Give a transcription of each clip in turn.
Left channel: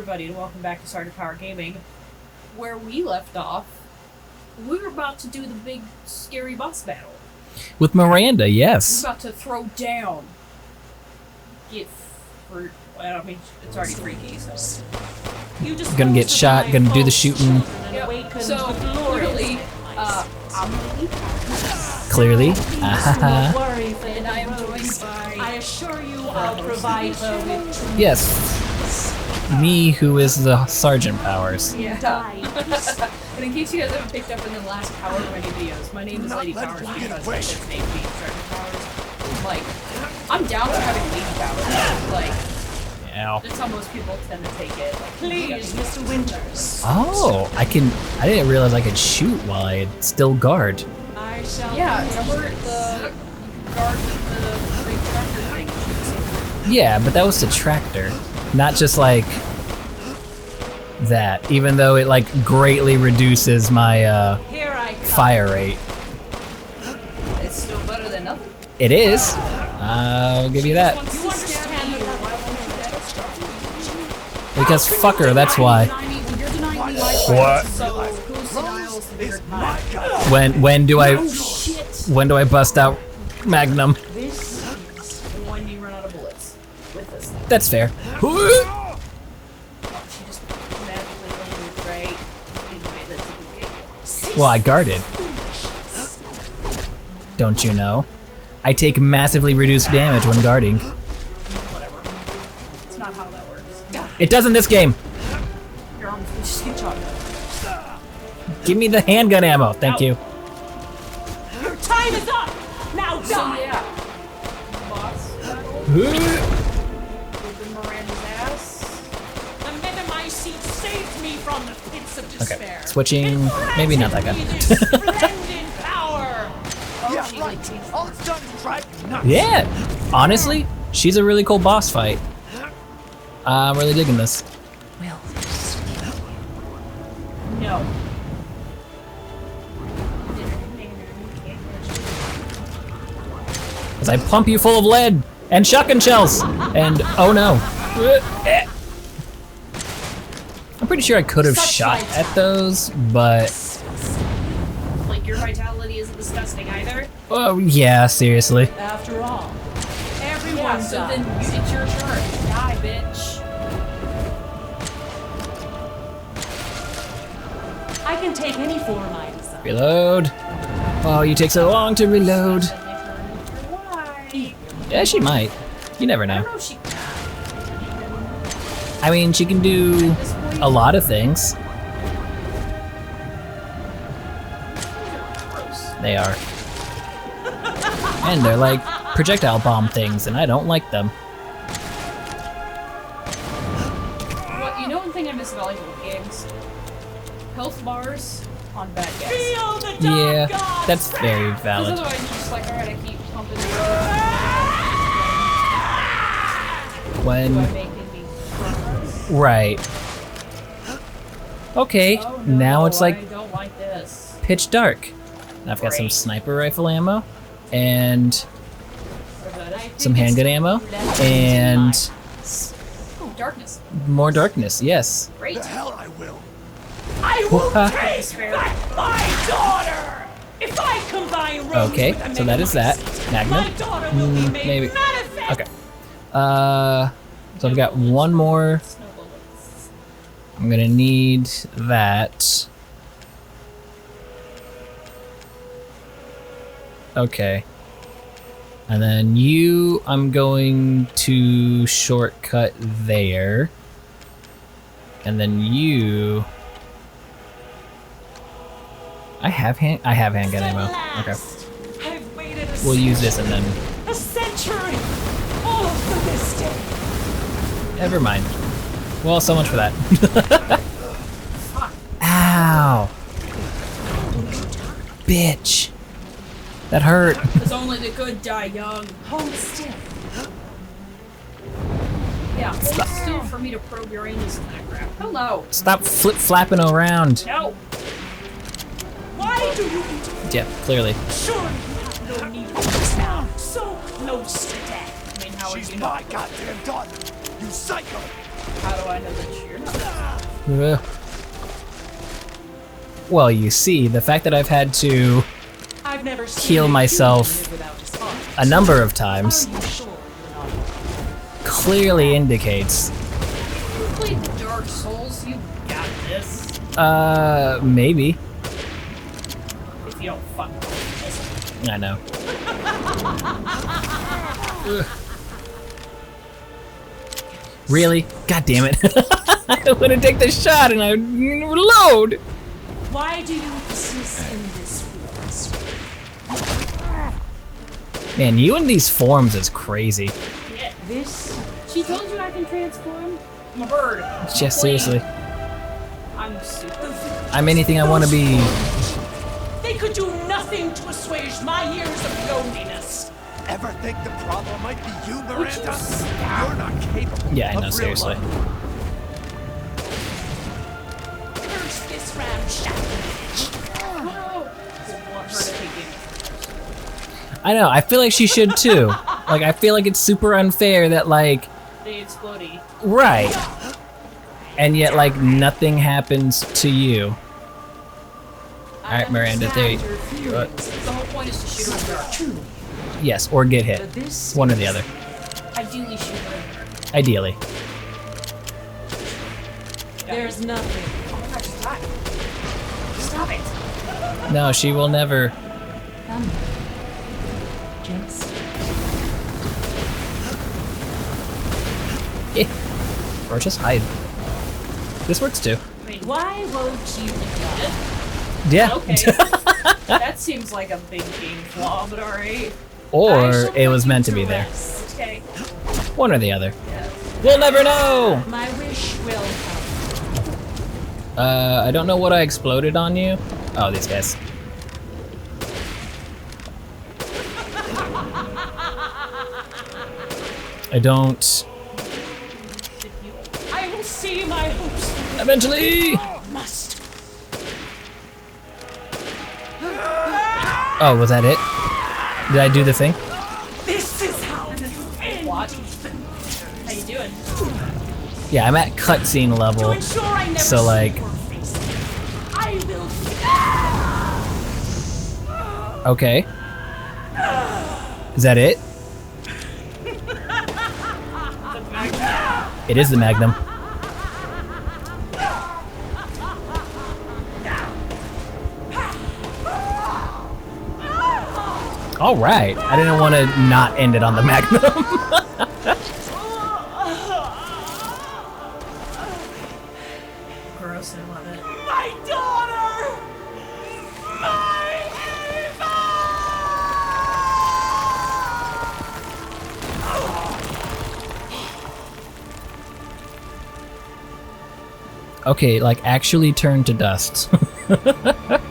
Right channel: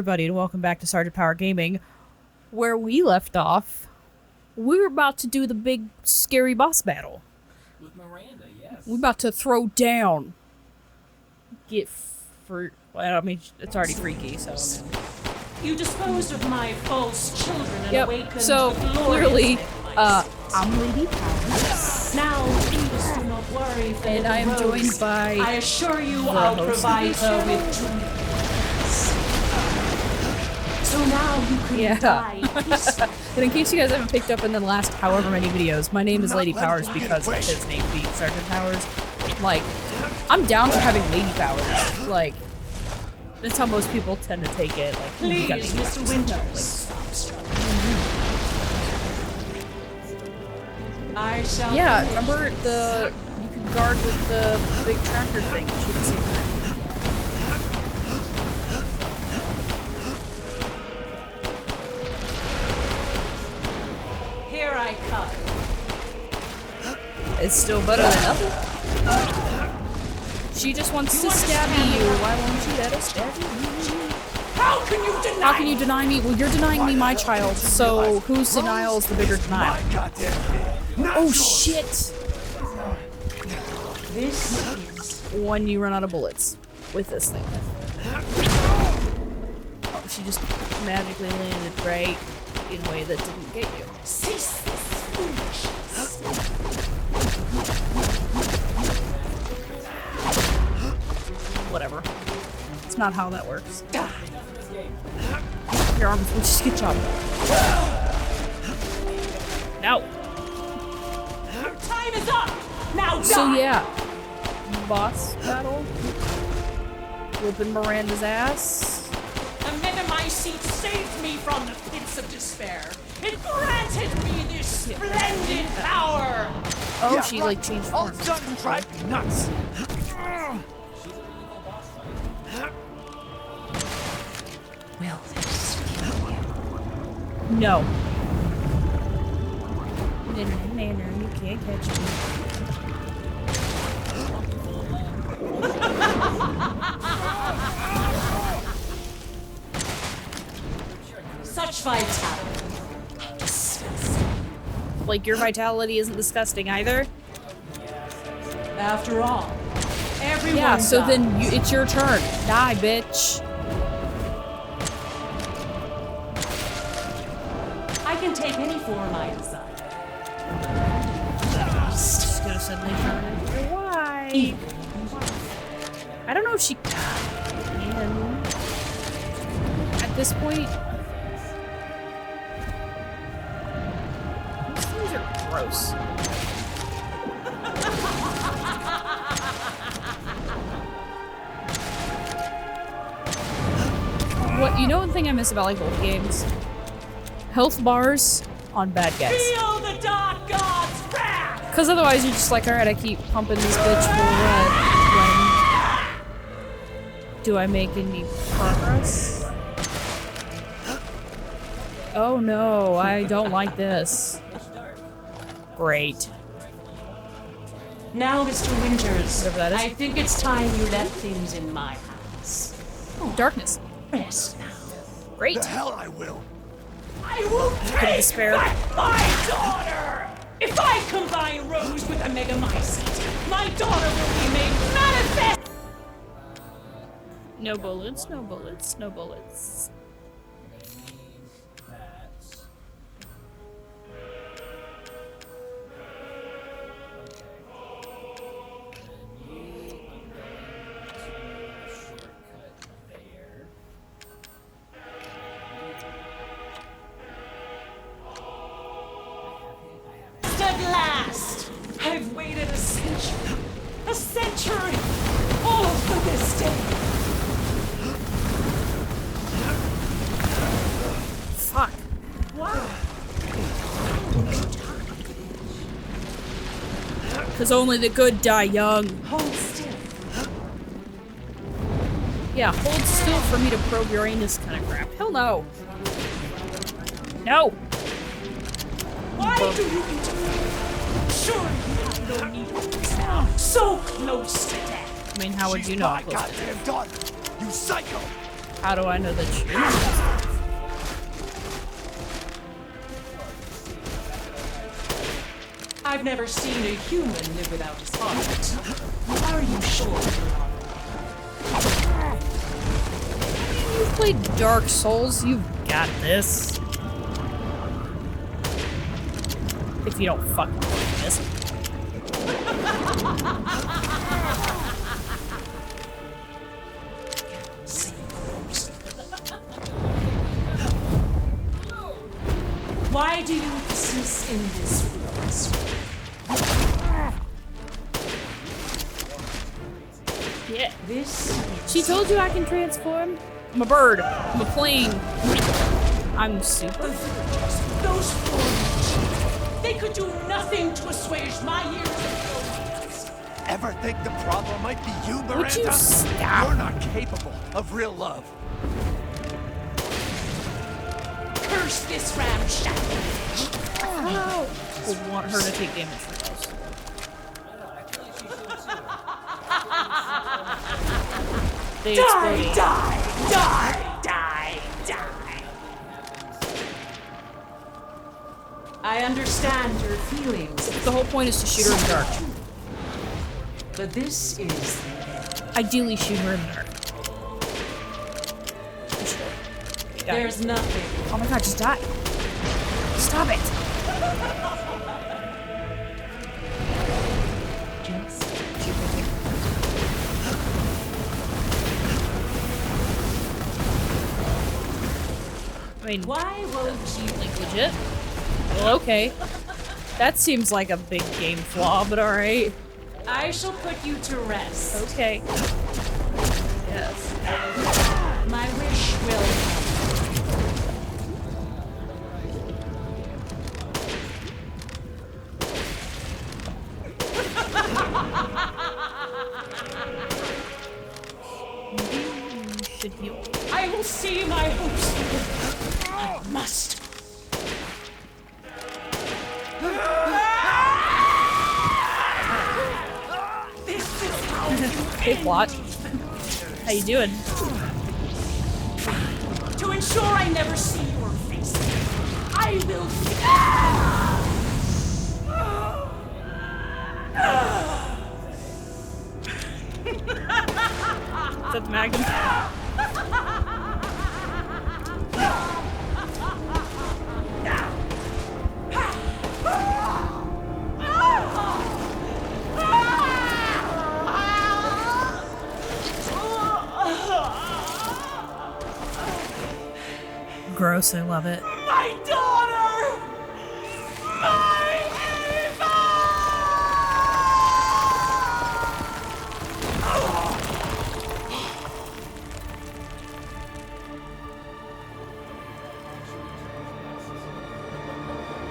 everybody, and welcome back to Sergeant Power Gaming. Where we left off, we were about to do the big, scary boss battle. With Miranda, yes. We're about to throw down. Well, I mean, it's already freaky, so... You just gonna get shot, gonna do the shooting. Yep. So, clearly, I'm leading. Clearly. Don't worry, And I am joined by... I assure you I'll provide her with true Yes. Me, who is the Sergeant Powers. Yeah. But in case you guys haven't picked up in the last however many videos, my name is Lady Powers because his name being Sergeant Powers. Like, I'm down for having Lady Powers. Like, that's how most people tend to take it. Like, Please, Mr. Winters. Oh, I didn't realize I could shoot while I still guard. I shall. Yeah, remember the guard with the big tractor thing? Yeah, but that was the tractor, not just like that. Even though it like greatly reduces my Here I come. fire rate. It's still better than nothing. It is. I'll give you that. You understand me? Why won't you get us? Because fuck her, that's why. Well, you're denying me my trial, so whose denial is the bigger denial? When do I Oh shit! when do I bust out Magnum? This is When you run out of bullets with this thing. That's fair. Oh, she just magically landed right in a way that didn't get you. Well, I guarded. Don't you know? I take massively reduced damage when guarding. Whatever. It's not how that works. It does in this game. Your arms will just get shot. Give me the handgun ammo. Thank Ow. you. your time is up. Now die. So yeah, boss battle. Whooping Miranda's ass. A minimized seat saved me from the pits of despair. Switching, It maybe not that granted me good. this splendid power. Oh, Yeah, she right. like changed. All it's done is drive you nuts. Yeah. Honestly, she's a really cool boss fight. I'm really digging this. Will this kill you? No. As I pump you full of lead and shotgun shells. And oh no. I'm pretty sure I could have Such shot fights. at those, but Like your vitality isn't disgusting either. oh yeah, seriously. After all, everyone Yeah, so dies. then it's your turn. Die, bitch. I can take any form I desire. Reload. Oh, you take so long to reload. Why? Yeah, she might. You never I don't know. know if she I mean, she can do at this point. a lot of things. Gross. They are. And they're like projectile bomb things, and I don't like them. What you don't think I miss about like old games? Health bars on bad guys. Feel the dark Yeah, gods that's very Because valid. otherwise you're just like, alright, I keep pumping this bitch. When Do I make any progress? right. Okay, Oh no, now it's I like don't like this. pitch dark. I've got some Great. sniper rifle ammo and Now, Mr. Winters, Whatever that is. I some think it's handgun time ammo you let things in my and Oh, darkness. more darkness. Yes. Great. The hell I will. I will take Despair. back my daughter! If I combine Rose Okay, with a so that is that. Megamycete, Magnum. my daughter will be made Maybe. manifest! Okay. So I've got bullets, one no more. bullets, no bullets. I'm gonna need that. Okay. And then you, I'm going to shortcut there. And then you. I have handgun At ammo. Okay. last! I've waited a We'll use century, this and then. a century, all for this day. Never mind. Well, so much for that. Fuck. Ow. Bitch. That hurt. Because only the good die young. Hold still. Yeah, hold still for me to probe your anus kind of crap. Hello. Stop flip flapping around. No. Why do you interfere? Yeah, clearly. Surely you have no need of this now. So close to death. I mean, how would She's you know? my goddamn daughter. You psycho. How do I know that she is? Well, you see, the fact that I've had to I've never seen heal a human myself live without his heart. a number of How times are you sure you're not? clearly indicates, You played Dark Souls, you got this. maybe. If you don't fucking listen. I know. Really? God damn it. I want to take the shot and I reload. Why do you persist in this form? Man, you in these forms is crazy. Yeah. This She told you I can transform? I'm a bird. Just Wait. seriously. I'm super. I'm anything I want to be. they could do nothing to assuage my years of loneliness. Ever think the problem might be you, Miranda? stop? You're not capable Yeah, no, of real seriously. love. Curse this ramshackle. I want her to take damage. I know, I feel like she should too. Like, I feel like it's super unfair that, like, They Die, explode. die, right. die, die. And yet, like, nothing happens to you. I Alright, Miranda, understand dude. your feelings. The whole point is to shoot her in the dark. True, Yes, or get but hit. this One or the is- other. Ideally, shoot her in the dark. Ideally. There's nothing. Oh my god, just die. Stop it. No, she will never. Just Or just hide. This works too. I mean, why won't you do it? Yeah. Okay. That seems like a big game flaw, but alright. Or I shall it was put meant you to be there. rest. Okay. One or the other. Yes. We'll never know! My wish will come. I don't know what I exploded on you. Oh, these guys. I don't. I will see my hopes through. Eventually! Must. Oh, was that it? Did I do the thing? This is how you end. What? How you doing? Yeah, I'm at cutscene To level. ensure I never So, see like- your face, I will. Okay. Is that it? Is that the Magnum? It is the Magnum. All right. I didn't want to not end it on the Magnum. Gross, I love it. My daughter! My Okay, like actually turn to dust.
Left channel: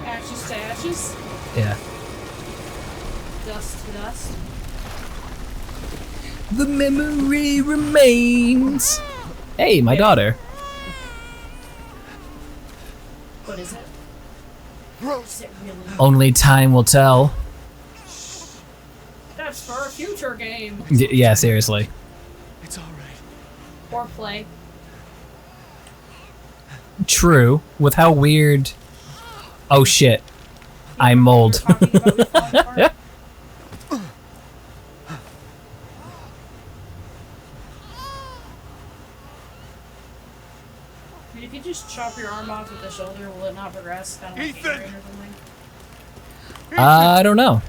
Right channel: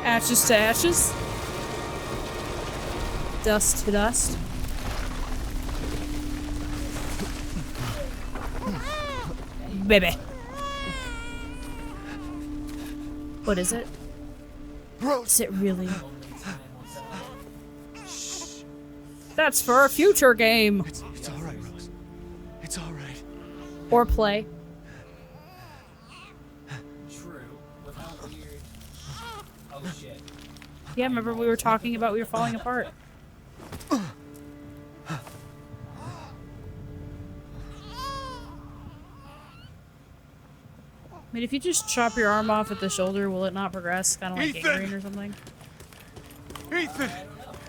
Ashes to ashes, Yeah. dust to dust. The memory remains. Hey, my Baby. daughter. What is it? Rose, Is it really? Only time will tell. That's for a future game. Yeah, seriously. it's all right. Or play. True. With how weird. Oh shit. You I'm remember mold. We were talking about we falling apart? I mean, if you just chop your arm off at the shoulder, will it not progress? Kind of like Ethan! gangrene or something? I don't know.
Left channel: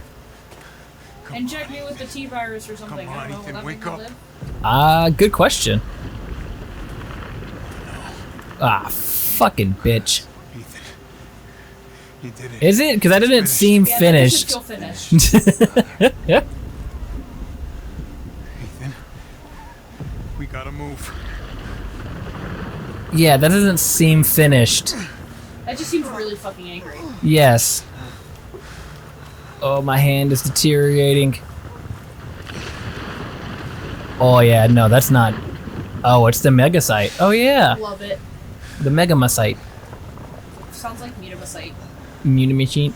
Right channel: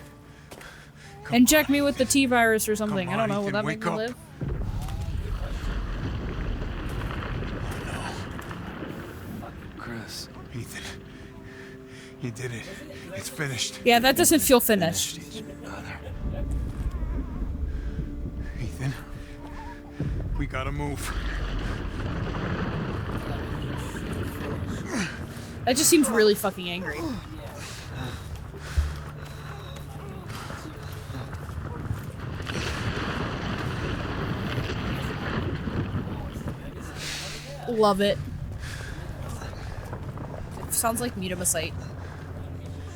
Inject me with the T-virus or something. Come I on, don't know. Will Ethan, that wake make me up. live? Good question. Ah, fucking bitch. Ethan, you did it. Is it? Because that It's didn't finished. seem Yeah, finished. that doesn't feel finished. Yeah. Ethan, we gotta move. Yeah, that doesn't seem finished. That just seems really fucking angry. Yes. Oh, my hand is deteriorating. Oh yeah, no, that's not. Oh, it's the Mega Site. Oh yeah, Love it. the Mega Site. Sounds like Metamacite. Machine.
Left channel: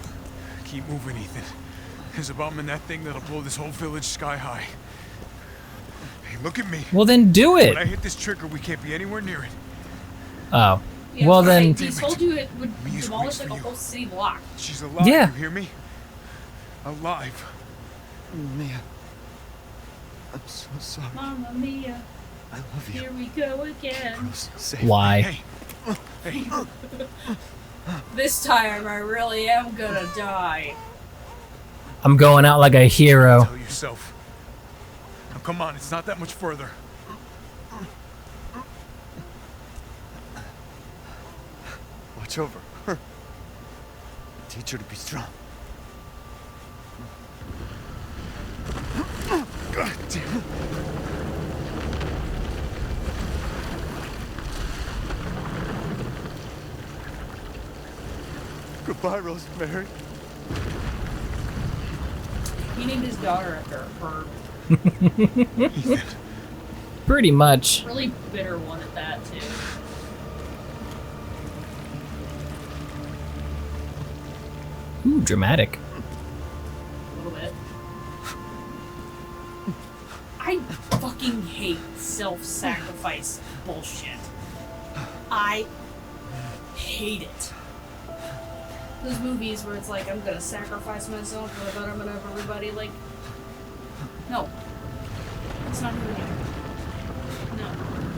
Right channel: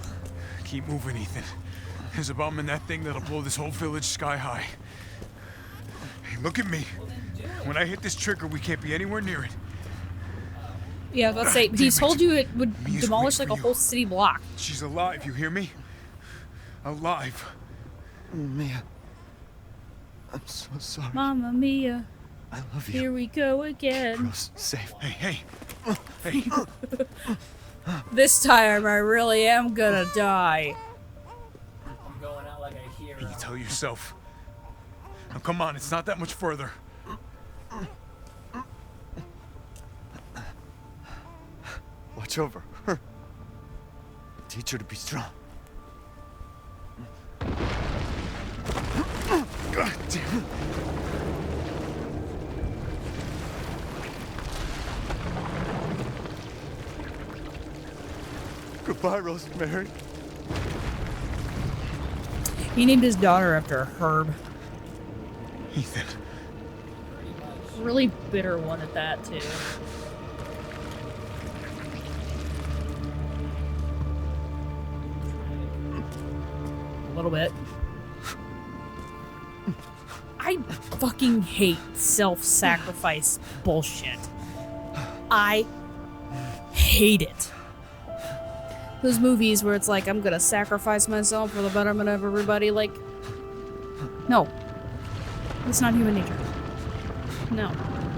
Keep moving, Ethan. There's a bomb in that thing that'll blow this whole village sky high. Hey, look at me. Well, then do it. When I hit this trigger, we can't be anywhere near it. Oh. Yeah, well, but then. he told you it would Mia's demolish waiting like a for you. whole city block. She's alive, Yeah. you hear me? Alive. Mia. I'm so sorry. Mamma Mia, I love you. here we go again. Rose, save Why? Hey, This time I really am gonna die. I'm going out like a hero. tell yourself. Now come on, it's not that much further. Watch over her. Teach her to be strong. God damn it. Goodbye, Rosemary. He named his daughter after a herb. Ethan. Pretty much. Really bitter one at that, too. Ooh, dramatic. A little bit. I fucking hate self-sacrifice bullshit. I hate it. Those movies where it's like, I'm gonna sacrifice myself for the betterment of everybody, like... No. It's not human nature. No.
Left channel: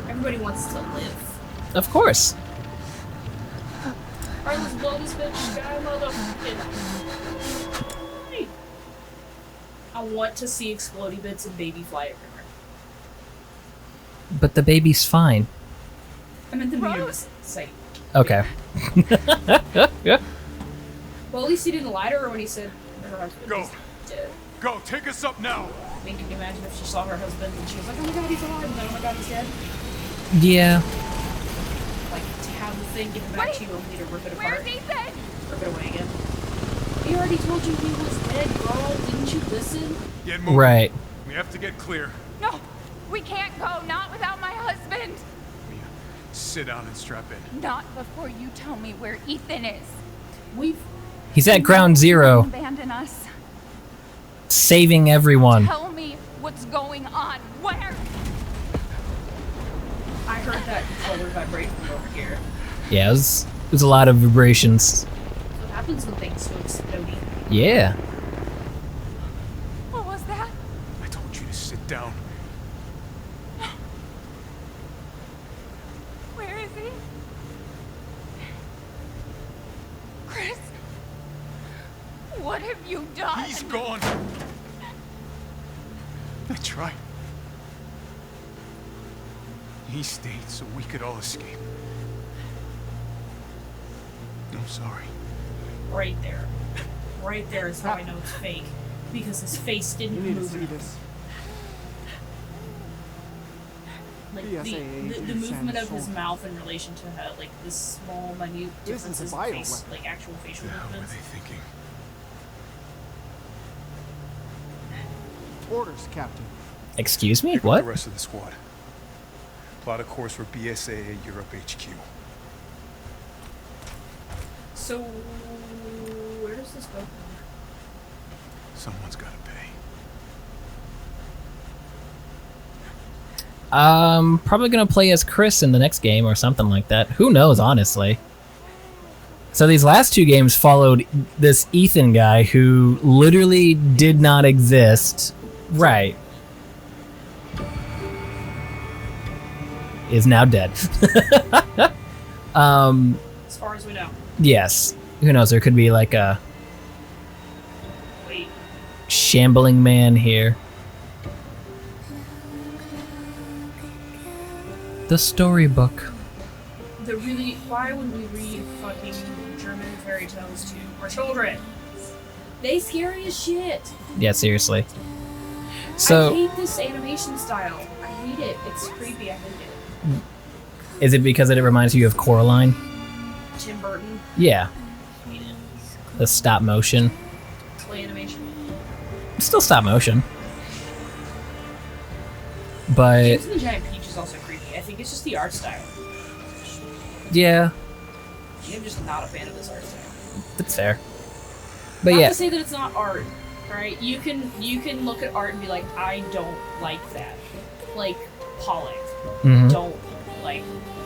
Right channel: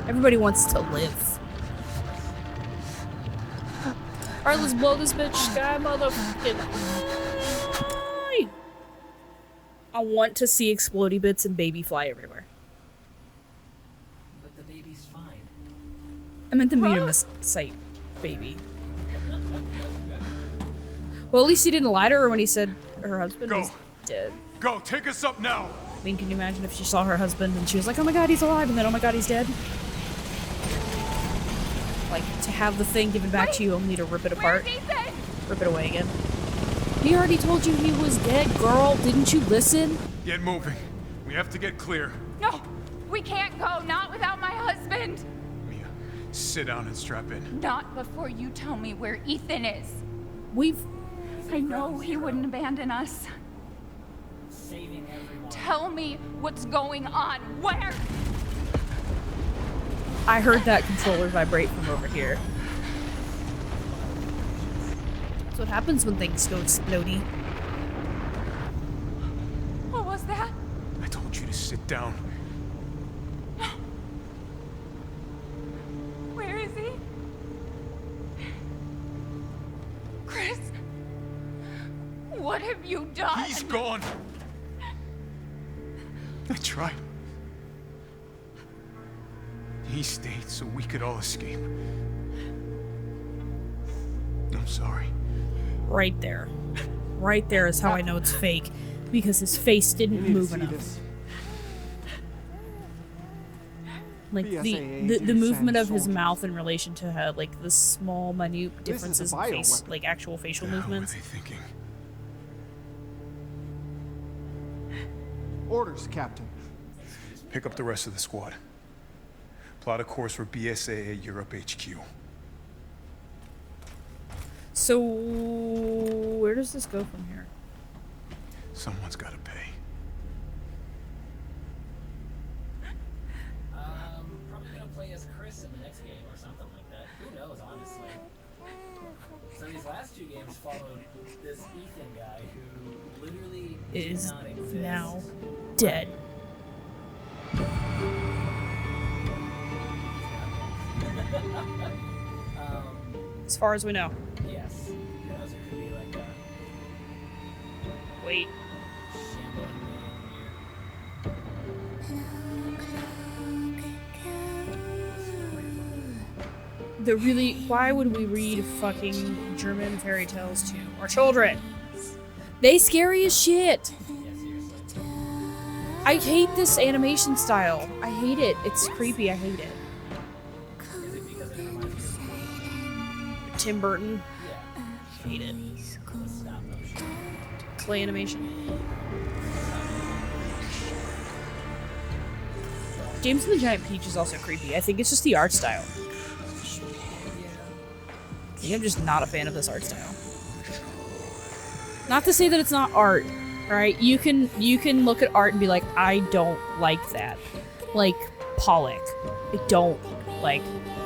Everybody wants to live. Of course. Alright, let's blow this bitch sky motherfucking... Hi. I want to see explodey bits and baby fly everywhere. But the baby's fine. I meant the museum site. Okay. Well, at least he didn't lie to her when he said her husband Go. was dead. Go, take us up now. I mean, can you imagine if she saw her husband and she was like, oh my god, he's alive, and then oh my god, he's dead? Yeah. Like, to have the thing given back to you only to rip it apart. Where's Ethan? Rip it away again. He already told you he was dead, girl. Didn't you listen? Get moving. Right. We have to get clear. No, we can't go. Not without my husband. Mia, sit down and strap in. Not before you tell me where Ethan is. We've... He's at No, ground he zero, wouldn't abandon us. saving everyone. Tell me what's going on. Where? I heard that controller vibrate from over here. Yeah, it was a lot of vibrations. That's what happens when things go explodey. Yeah. What was that? I told you to sit down. Where is he? Chris? What have you done? He's gone. That's right. He stayed so we could all escape. I'm sorry. Right there. Right there is how I know it's fake. Because his face didn't You need to move see enough. this. Like BSAA the did movement send of his soldiers. mouth in relation to like the small, minute This is a differences in face, bioweapon. like actual facial What the hell were movements. they thinking? Orders, Captain. Excuse me? Pick up What? the rest of the squad. Plot a course for BSAA Europe HQ. So where does this go from here? Someone's got to pay. Probably gonna play as Chris in the next game or something like that. Who knows, honestly. So these last two games followed this Ethan guy who literally did not exist. Right. Is now dead. As far as we know. Yes. Who knows, there could be like a Wait. shambling man here. The storybook. Why would we read fucking German fairy tales to our children? They scary as shit. Yeah, seriously. I So, hate this animation style. I hate it. It's creepy. I hate it. is it because it reminds you of Coraline? Tim Burton. Yeah, Hate it. the stop motion. Play animation. It's still stop motion. But, James and the Giant Peach is also creepy. I think it's just the art style. yeah, I think I'm just not a fan of this art style. it's fair. But Not yeah, to say that it's not art, right? You can look at art and be like, I don't like that. like Pollock. Mhm. I don't like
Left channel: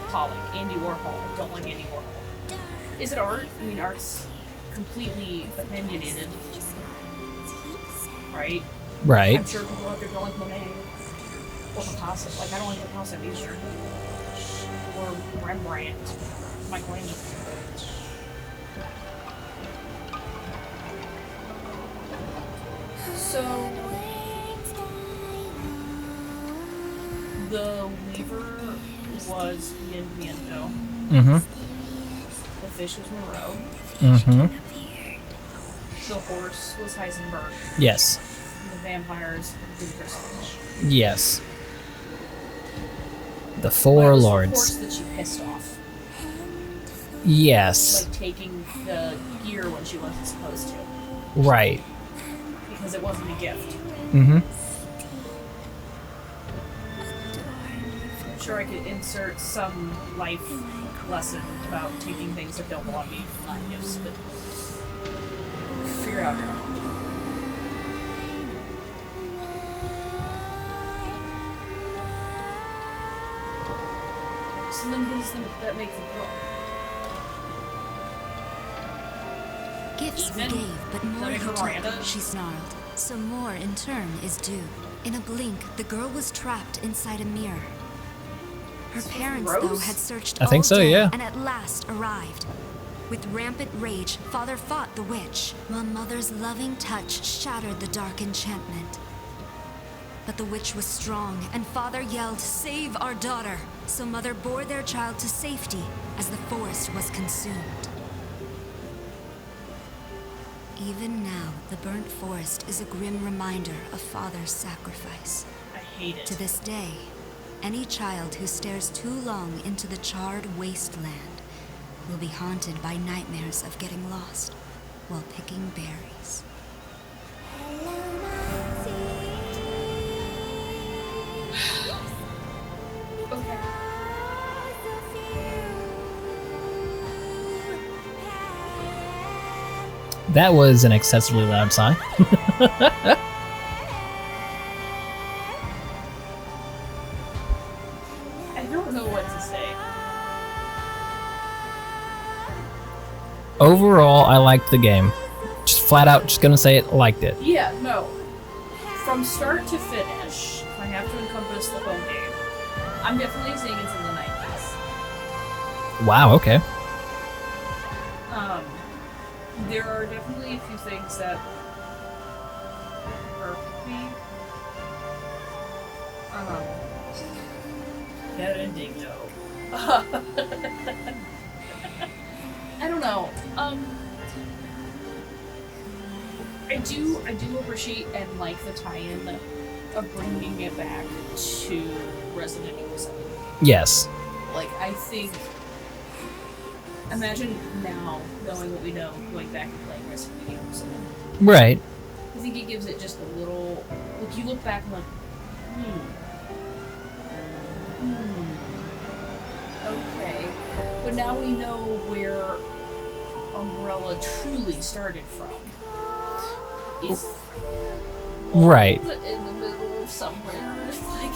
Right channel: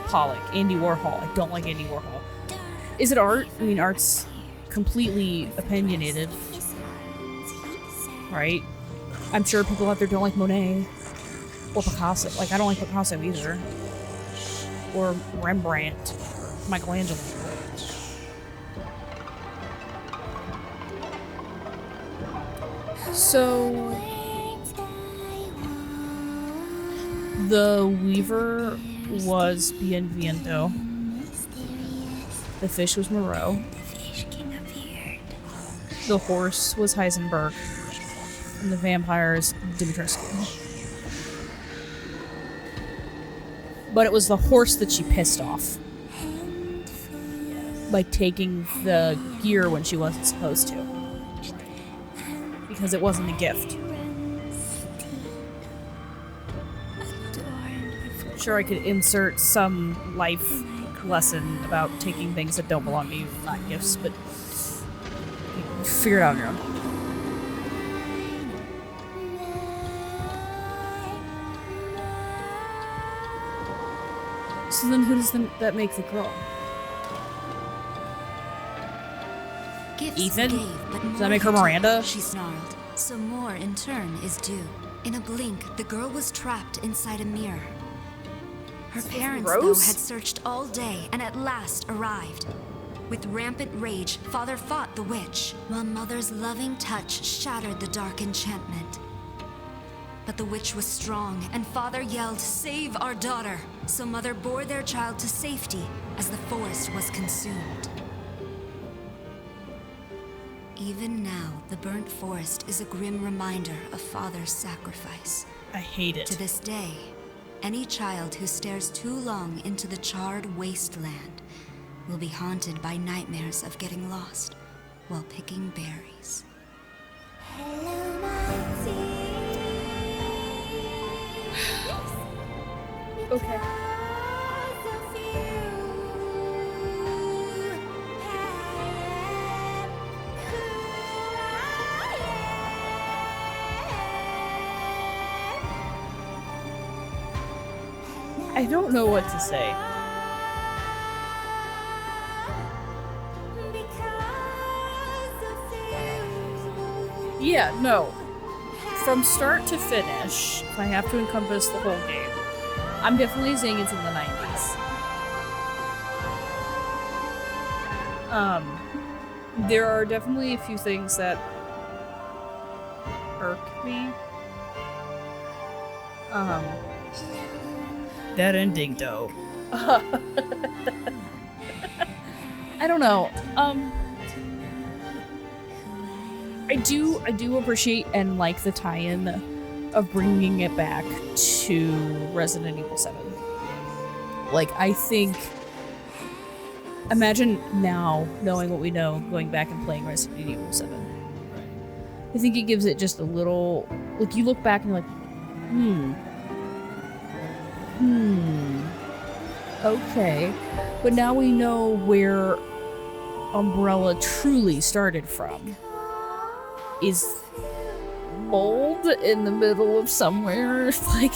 Pollock. Andy Warhol. I don't like Andy Warhol. Is it art? I mean, art's completely opinionated, right? Right. I'm sure people out there don't like Monet or Picasso. Like, I don't like Picasso either. Or Rembrandt, Michelangelo. So, the Weaver was Bienvenido. Mm-hmm. The fish was Moreau. Mm-hmm. The horse was Heisenberg. Yes. And the vampires, Dimitrescu. Yes. The four But it was lords. the horse that she pissed off. Yes. By taking the gear when she wasn't supposed to. Right. Because it wasn't a gift. Mm-hmm. I'm sure I could insert some life lesson about taking things that don't belong to you, not gifts, but figure it out your own. So then who does that make the girl? Gifts Ethan? he gave, but more that make he her took, Miranda? she snarled. So more in turn is due. In a blink, the girl was trapped inside a mirror. Her parents, though, gross. had searched I all think so, day yeah. and at last arrived. With rampant rage, Father fought the witch, while Mother's loving touch shattered the dark enchantment. But the witch was strong, and Father yelled, "Save our daughter!" So Mother bore their child to safety as the forest was consumed. Even now, the burnt forest is a grim reminder of Father's sacrifice. I hate it. To this day, any child who stares too long into the charred wasteland will be haunted by nightmares of getting lost while picking berries. Okay. That was an excessively loud sigh. I don't know what to say. Overall, I liked the game. Just flat out, just gonna say it, liked it. Yeah, no. From start to finish, if I have to encompass the whole game, I'm definitely saying it's in the 90s. Wow, okay. There are definitely a few things that irk me. That ending, though. I don't know. I do appreciate and like the tie-in of bringing it back to Resident Evil 7. Yes. Like, I think... Imagine now, knowing what we know, going back and playing Resident Evil 7. Right. I think it gives it just a little... Like, you look back and like, okay. But now we know where Umbrella truly started from. Is mold Right. in the middle of somewhere. Like,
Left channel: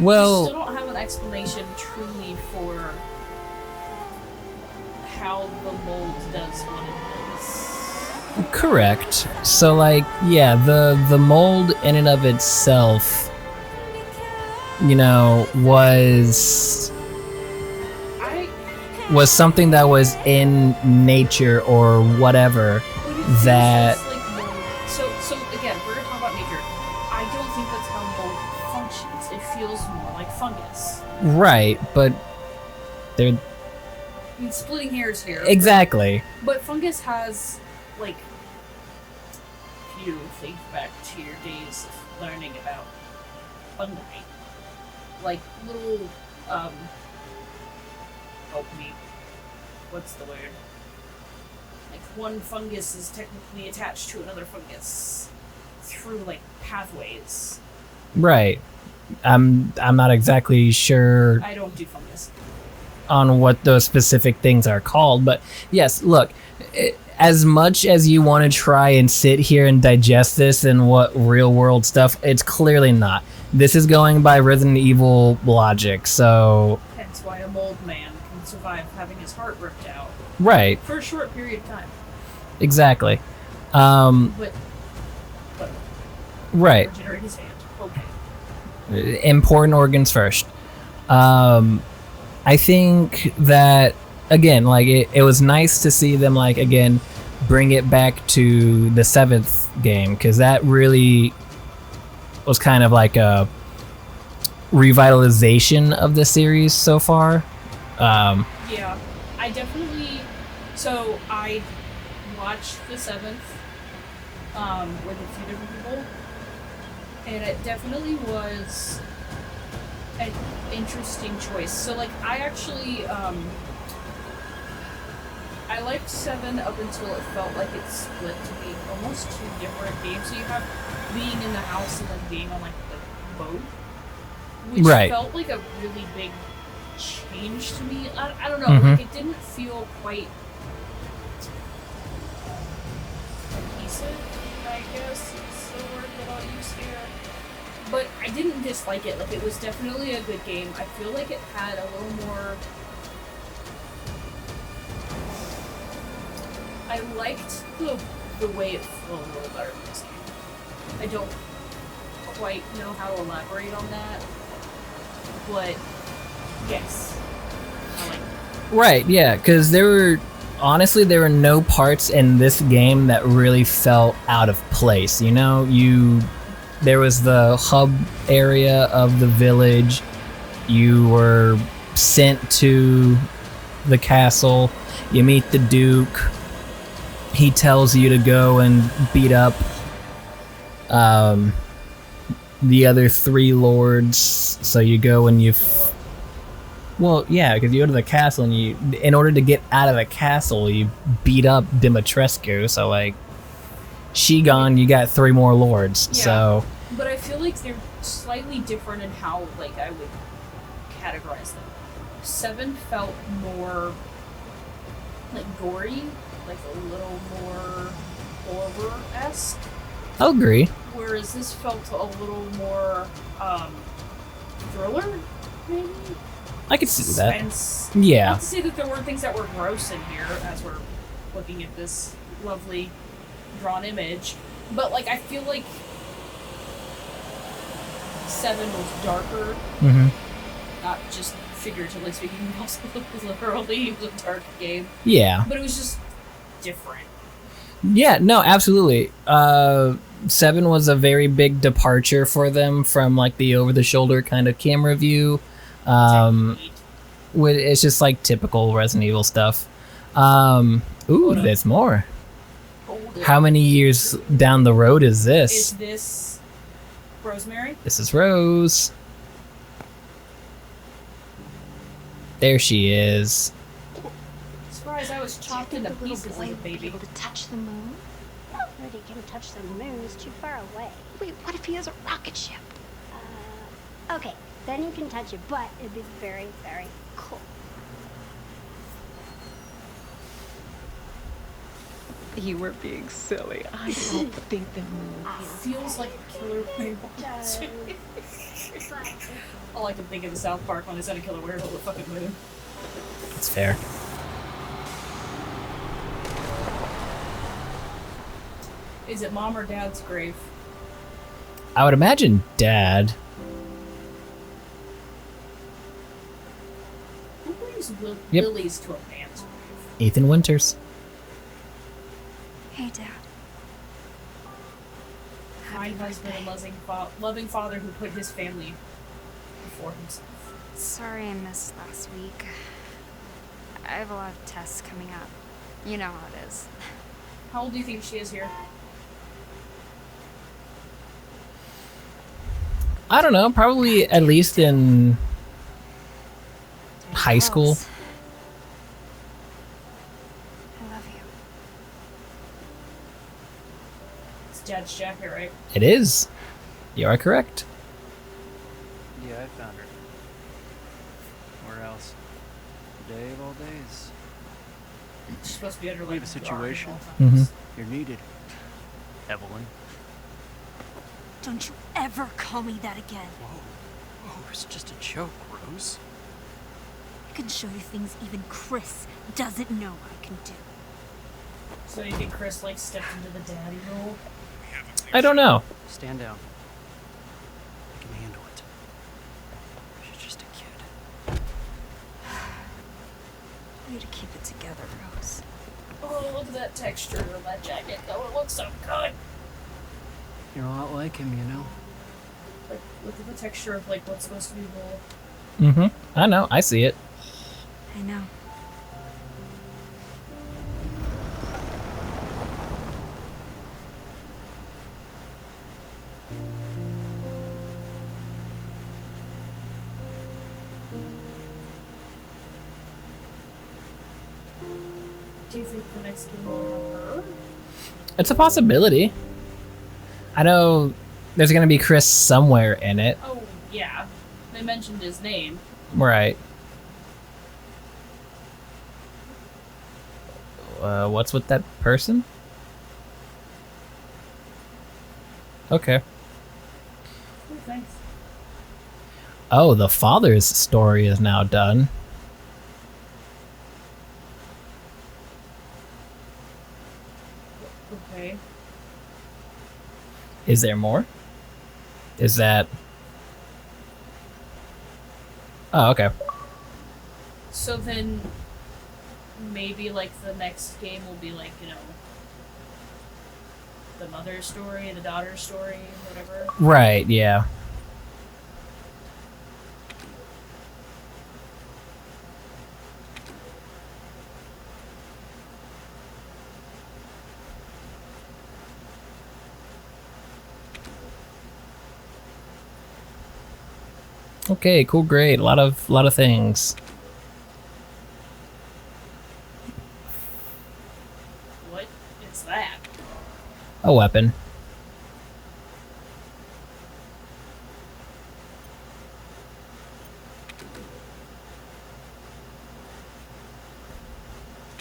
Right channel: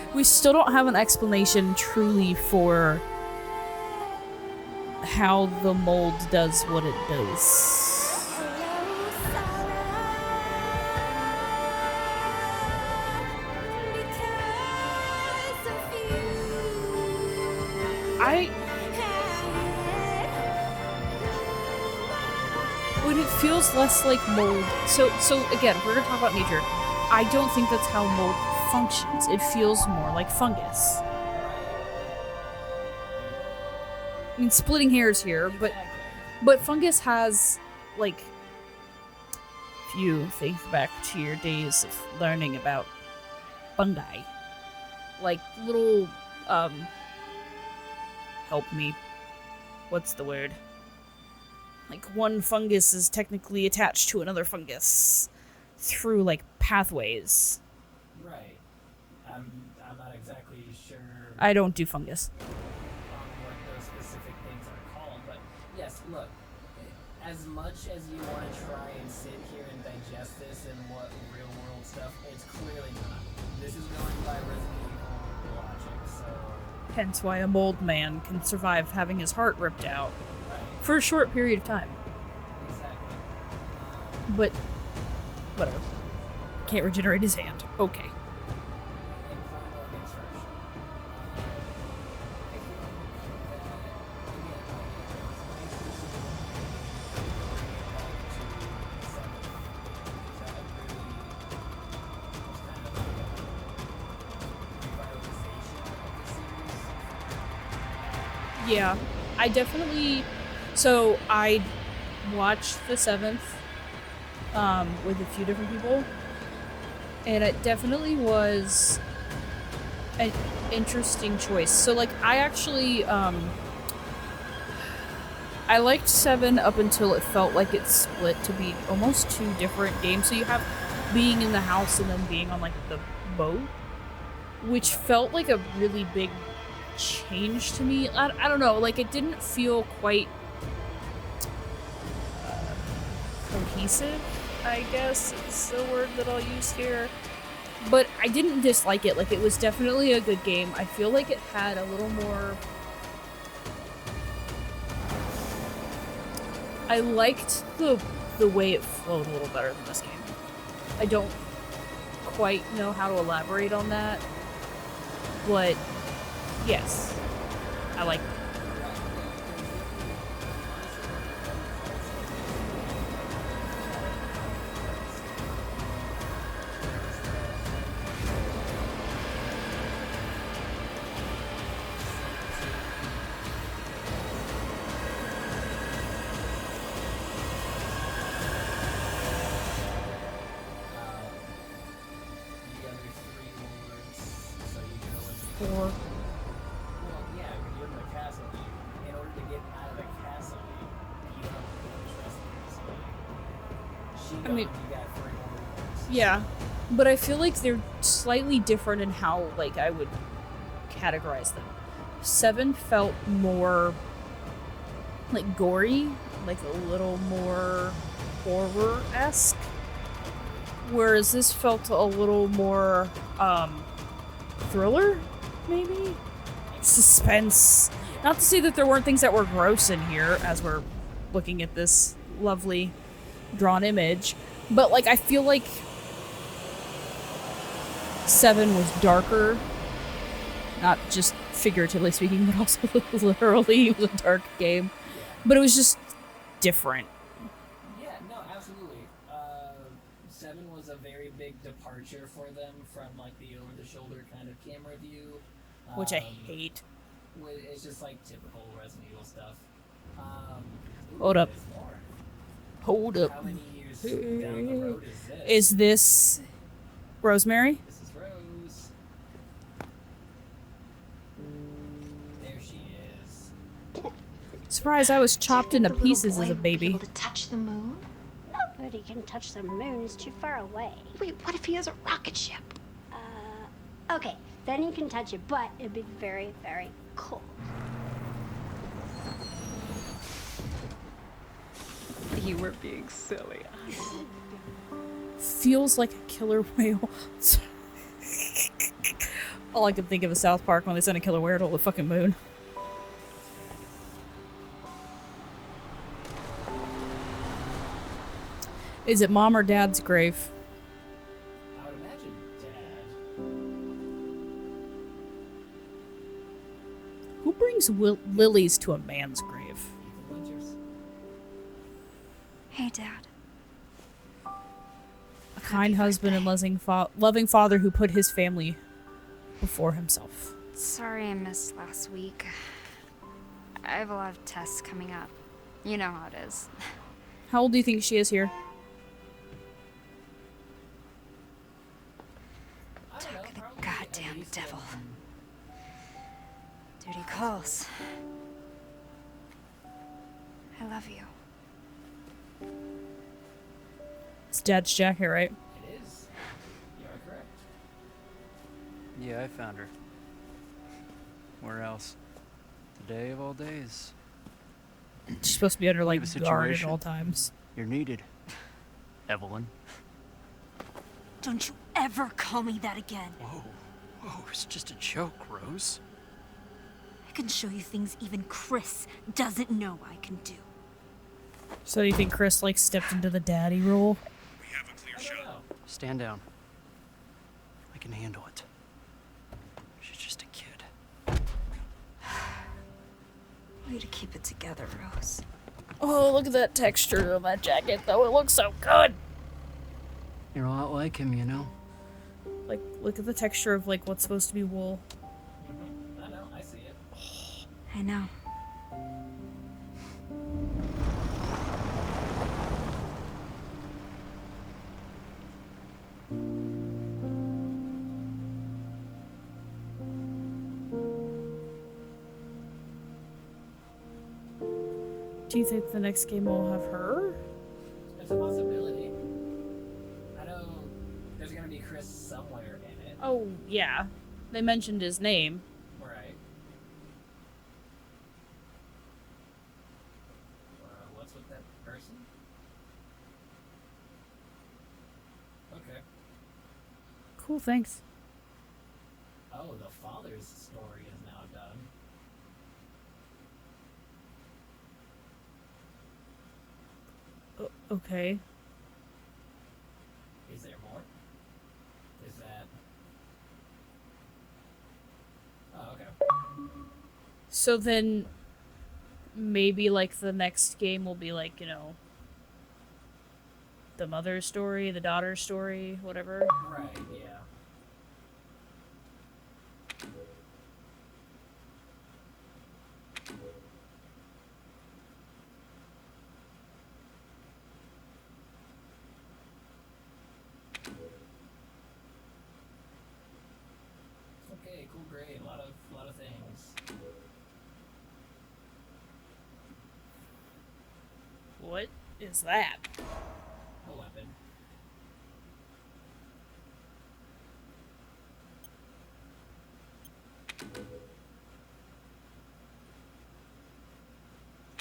Well- you still don't have an explanation truly for how the mold does what it does. Correct. So, like, yeah, the mold in and of itself, you know, was something that was in nature or whatever. But it feels that less like mold. So again, if we're gonna talk about nature, I don't think that's how mold functions. It feels more like fungus. right, but they're I mean, splitting hairs here. exactly. But fungus has, like, if you think back to your days of learning about fungi, like little, help me, what's the word? Like, one fungus is technically attached to another fungus through, like, pathways. Right. I'm not exactly sure I don't do fungus. on what those specific things are called, but yes, look, as much as you want to try and sit here and digest this and what real world stuff, it's clearly not. this is going by Resident Evil logic, so Hence why a mold man can survive having his heart ripped out right, for a short period of time. exactly. But whatever. Right. Regenerate his hand. Okay. Important organs first. I think that again, like it was nice to see them like again bring it back to the 7th game, because that really was kind of like a revitalization of the series so far. Yeah, I definitely. So I watched the 7th with a few different people, and it definitely was an interesting choice. So like I actually I liked 7 up until it felt like it split to be almost 2 different games. So you have being in the house and then being on like the boat, which Right. felt like a really big change to me. I don't know, like it didn't feel quite cohesive, I guess is the word that I'll use here. But I didn't dislike it. Like, it was definitely a good game. I feel like it had a little more... I liked the way it flowed a little better than this game. I don't quite know how to elaborate on that, but yes, I like it. Right, yeah, because there were no parts in this game that really felt out of place. You know, there was the hub area of the village. You were sent to the castle. You meet the Duke. He tells you to go and beat up the other 3 lords. So you go and well, yeah, because you go to the castle and in order to get out of the castle, you beat up Dimitrescu. So like, she gone, you got 3 more lords. Yeah, so, but I feel like they're slightly different in how like I would categorize them. 7 felt more like gory, like a little more horror-esque, I'll agree. whereas this felt a little more thriller, maybe? I could see that. Suspense. Yeah. Not to say that there weren't things that were gross in here as we're looking at this lovely drawn image, but like I feel like 7 was darker, not just figuratively speaking, but also literally. It was a dark game, Yeah. but it was just different. Yeah, no, absolutely. 7 was a very big departure for them from like the over-the-shoulder kind of camera view. It's just like typical Resident Evil stuff. Ooh, there's more. Hold it. How many years down the road is this? Is this Rosemary? This is Rose. There she is. Surprise, I was chopped into pieces as a baby. Able to touch the moon? Nobody can touch the moon. It's too far away. Wait, what if he has a rocket ship? Okay, then you can touch it, but it'd be very, very cold. You were being silly. I don't think the moon. Feels like a killer whale. All I can think of is South Park when they sent a killer whale to the fucking moon. That's fair. Is it mom or dad's grave? I would imagine Dad. Who brings Yep. lilies to a man's grave? Ethan Winters. Hey, Dad. A kind husband and loving father who put his family before himself. Sorry I missed last week. I have a lot of tests coming up. You know how it is. How old do you think she is here? I don't know, probably at least in high school. I love you. It's dad's jacket, right? It is. You are correct. Yeah, I found her. Where else? The day of all days. She's supposed to be under We like have a guard at situation. all times. You're needed, Evelyn. Don't you ever call me that again. Whoa. Whoa, it's just a joke, Rose. I can show you things even Chris doesn't know I can do. So you think Chris, like, stepped into the daddy role? I don't know. Stand down. I can handle it. She's just a kid. Way to keep it together, Rose. Oh, look at that texture on that jacket, though. It looks so good. You're a lot like him, you know? Like, look at the texture of, like, what's supposed to be wool. Mm-hmm. I know. I see it. I know. Do you think the next game will have her? It's a possibility. I know there's gonna be Chris somewhere in it. Oh, yeah. They mentioned his name. Right. What's with that person? Okay. Cool, thanks. Oh, the father's story is now done. Okay. Is there more? Is that... Oh, okay. So then, maybe, like, the next game will be, like, you know, the mother's story, the daughter's story, whatever. Right, yeah. Okay, cool, great. A lot of things. What is that? A weapon.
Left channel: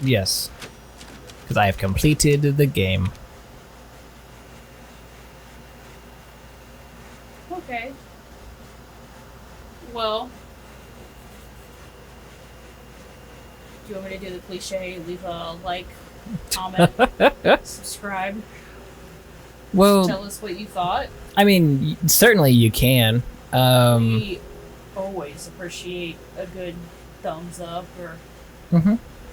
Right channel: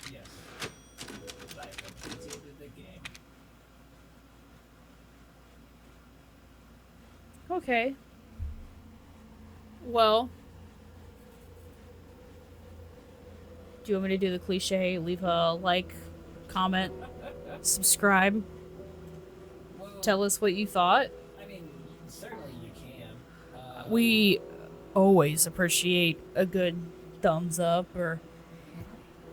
Yes. Because I have completed the game. Okay. Well, do you want me to do the cliche? Leave a like, comment, subscribe, Well, tell us what you thought. I mean, certainly you can. We always appreciate a good thumbs up or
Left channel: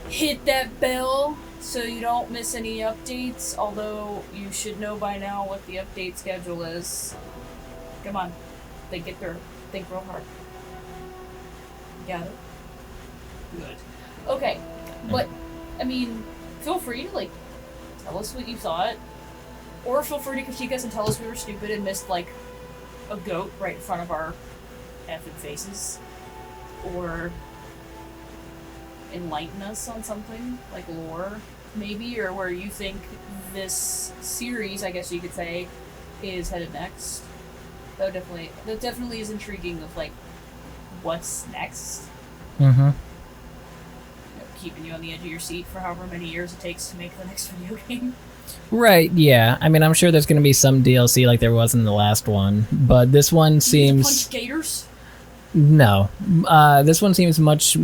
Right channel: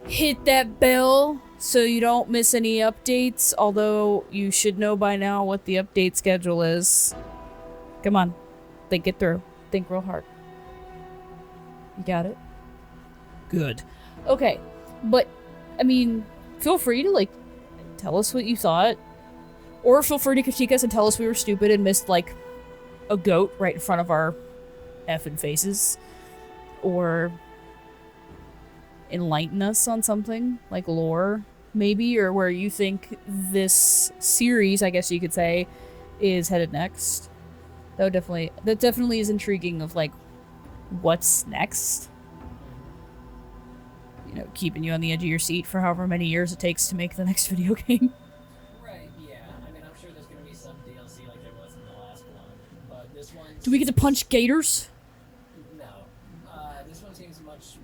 hit that bell so you don't miss any updates, although you should know by now what the update schedule is. Come on, think it through. Think real hard. You got it? Good. Okay, but, I mean, feel free to, like, tell us what you thought. Or feel free to critique us and tell us we were stupid and missed, like, a goat right in front of our effing faces. Or enlighten us on something, like lore, maybe, or where you think this series, I guess you could say, is headed next. That definitely is intriguing of, like, what's next. Mm-hmm. You know, keeping you on the edge of your seat for however many years it takes to make the next video game. Right, yeah. I mean, I'm sure there's going to be some DLC like there was in the last one, but this one You seems... get to punch gators? No. This one seems much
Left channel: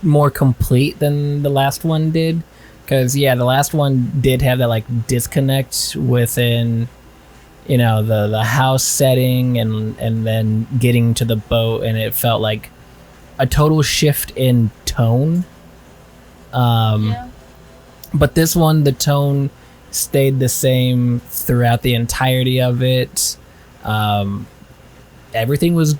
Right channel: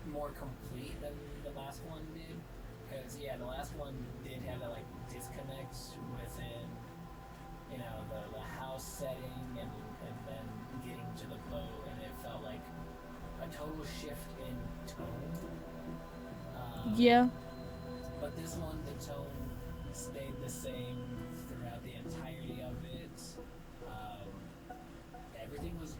more complete than the last one did. Because, yeah, the last one did have that, like, disconnect within, you know, the house setting and then getting to the boat, and it felt like a total shift in tone. Yeah. But this one, the tone stayed the same throughout the entirety of it. Everything was...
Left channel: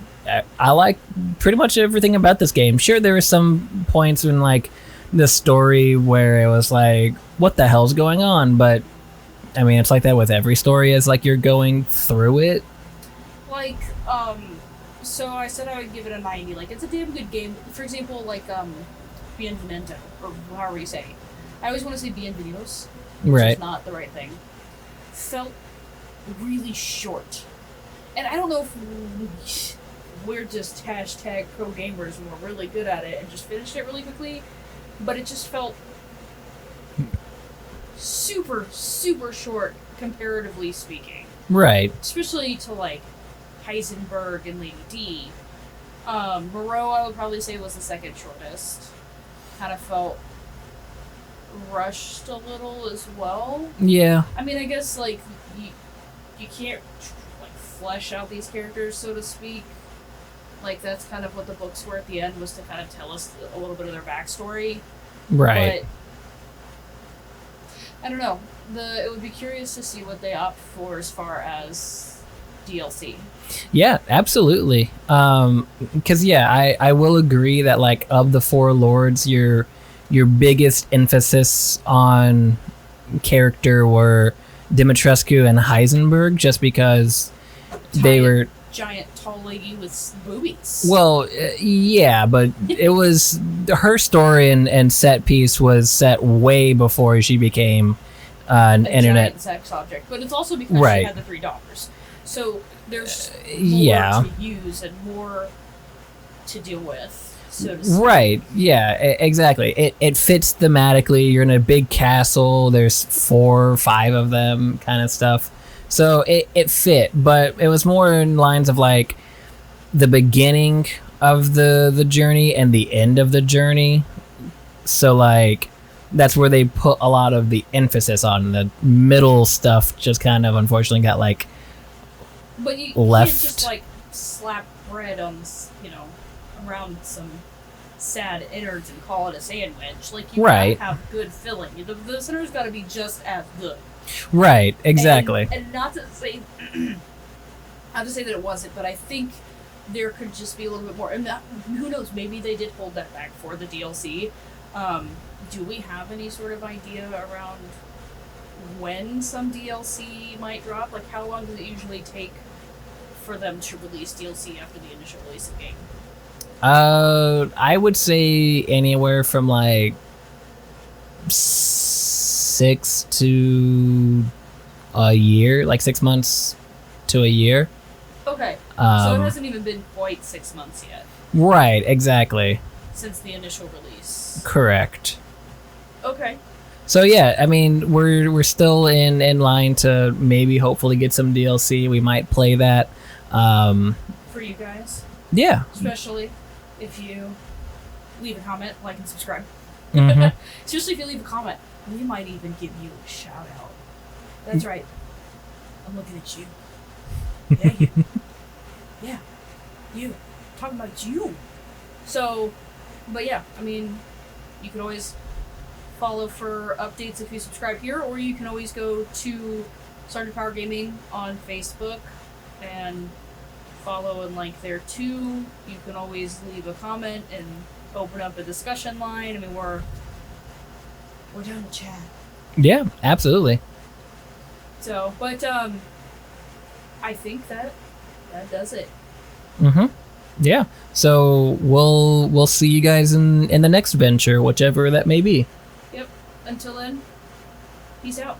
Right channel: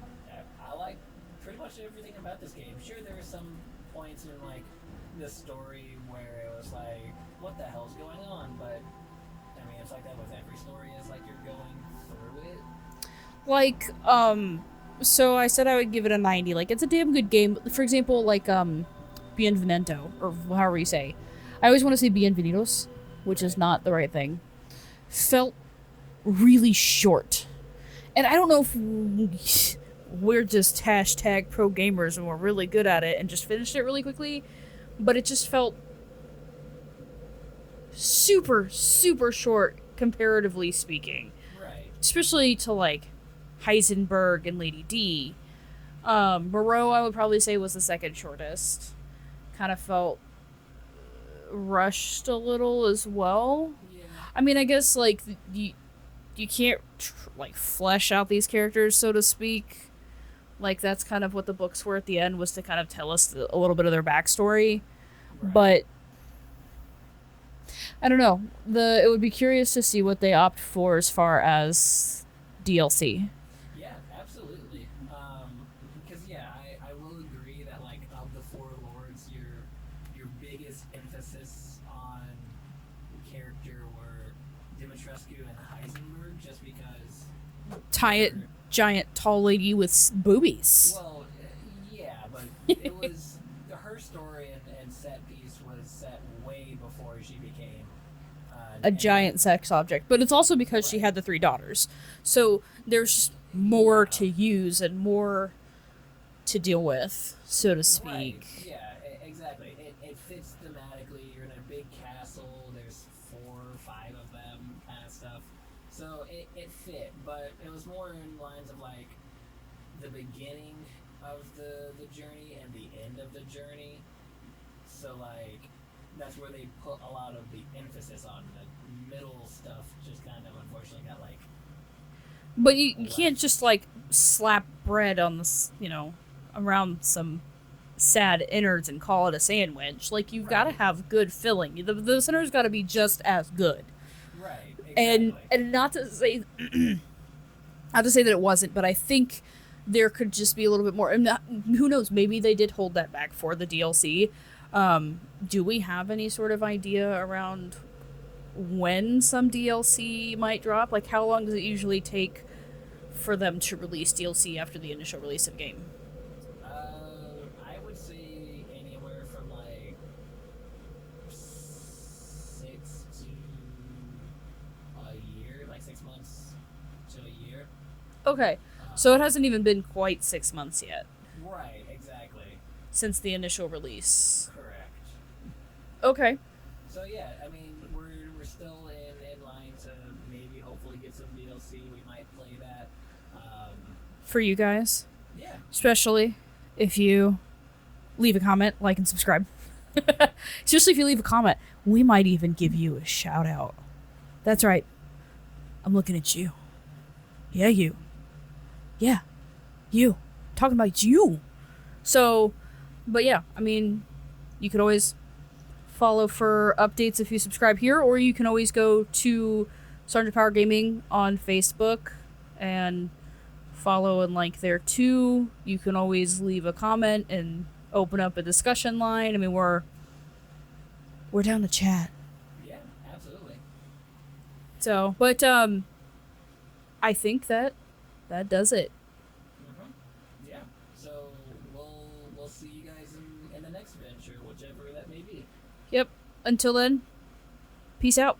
I like pretty much everything about this game. Sure, there were some points in, like, the story where it was like, what the hell's going on? But, I mean, it's like that with every story as, like, you're going through it. Like, so I said I would give it a 90. Like, it's a damn good game. For example, like, Bienvenido, or however you say. I always want to say Bienvenidos, which Right. is not the right thing. Felt really short. And I don't know if we're just hashtag pro gamers and we're really good at it and just finished it really quickly, but it just felt super, super short, comparatively speaking. Right. Especially to, like, Heisenberg and Lady D. Moreau, I would probably say, was the second shortest. Kind of felt rushed a little as well. Yeah. I mean, I guess, like, you can't, like, flesh out these characters, so to speak. Like, that's kind of what the books were at the end, was to kind of tell us a little bit of their backstory. Right. But I don't know. It would be curious to see what they opt for as far as DLC. Yeah, absolutely. Because I will agree that, like, of the four lords, your biggest emphasis on character were Dimitrescu and Heisenberg, just because they were giant tall lady with boobies. well, yeah, but it was her story and set piece was set way before she became an a internet giant sex object. But it's also because she had the 3 daughters. So there's more to use and more to deal with, so to speak. Right, yeah, exactly. It fits thematically. You're in a big castle. There's 4 or 5 of them, kind of stuff. So it fit, but it was more in lines of, like, the beginning of the journey and the end of the journey. So, like, that's where they put a lot of the emphasis on. The middle stuff just kind of, unfortunately, got, like, but you left. can't just, like, slap bread on this, around some sad innards and call it a sandwich. Like, you gotta have good filling. The center's gotta be just as good. Right, exactly. And not to say not to say that it wasn't, but I think there could just be a little bit more, and who knows, maybe they did hold that back for the DLC. Do we have any sort of idea around when some DLC might drop? Like, how long does it usually take for them to release DLC after the initial release of game? I would say anywhere from, like, 6 to a year, like 6 months to a year. Okay, so it hasn't even been quite 6 months yet. Right, exactly. Since the initial release. Correct. Okay. So yeah, I mean, we're still in line to maybe hopefully get some DLC. We might play that. For you guys. Yeah. Especially if you leave a comment, like, and subscribe. Mm-hmm. Especially if you leave a comment, we might even give you a shout out. That's right. I'm looking at you. Yeah, you. Yeah. You. Talking about you. So, but yeah, I mean, you could always follow for updates if you subscribe here, or you can always go to Sergeant Power Gaming on Facebook and follow and like there too. You can always leave a comment and open up a discussion line. I mean, we're down to chat. Yeah, absolutely. So, but I think that does it. Mm-hmm. Yeah. So we'll see you guys in the next venture, whichever that may be. Yep. Until then, peace out.